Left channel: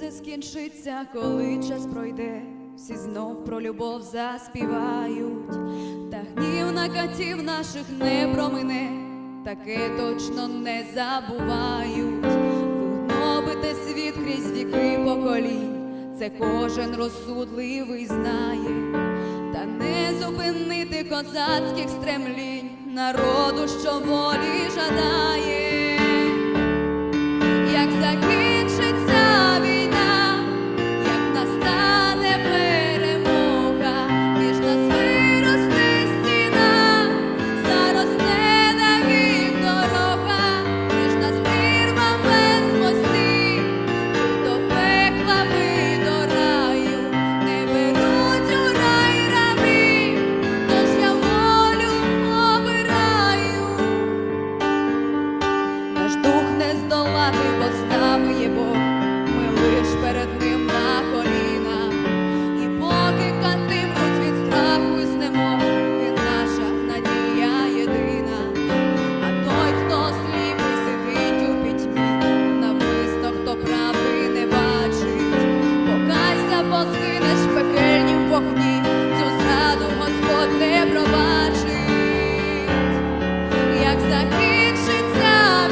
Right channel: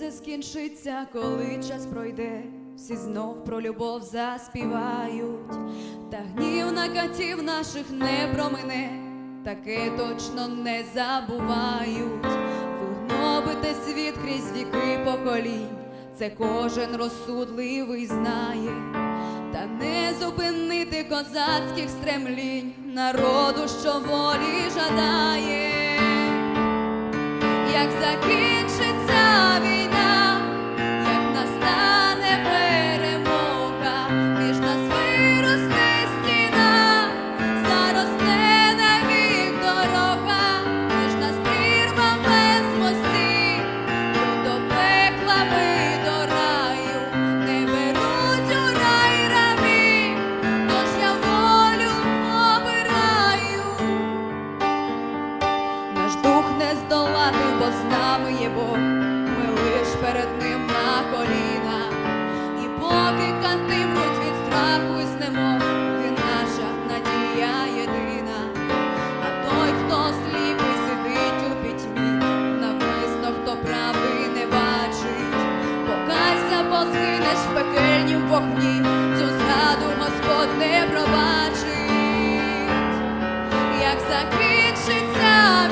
все скінчиться, коли час пройде, всі знов про любов заспівають, та гнів на катів наших не промине, таке точно не забувають. Ви гнобите світ крізь віки поколінь, це кожен розсудливий знає, та не зупинити козацьких стремлінь, народу, що волі жадає. Як закінчиться Наш дух не здолати, бо з нами є Бог, ми лиш перед ним на колінах. І поки кати мруть від страху і знемог, він наша надія єдина. А той, хто сліпий, сидить у пітьмі, навмисно, хто правди не бачить. Покайся, бо згинеш в пекельнім вогні, цю зраду Господь не пробачить як закінчиться.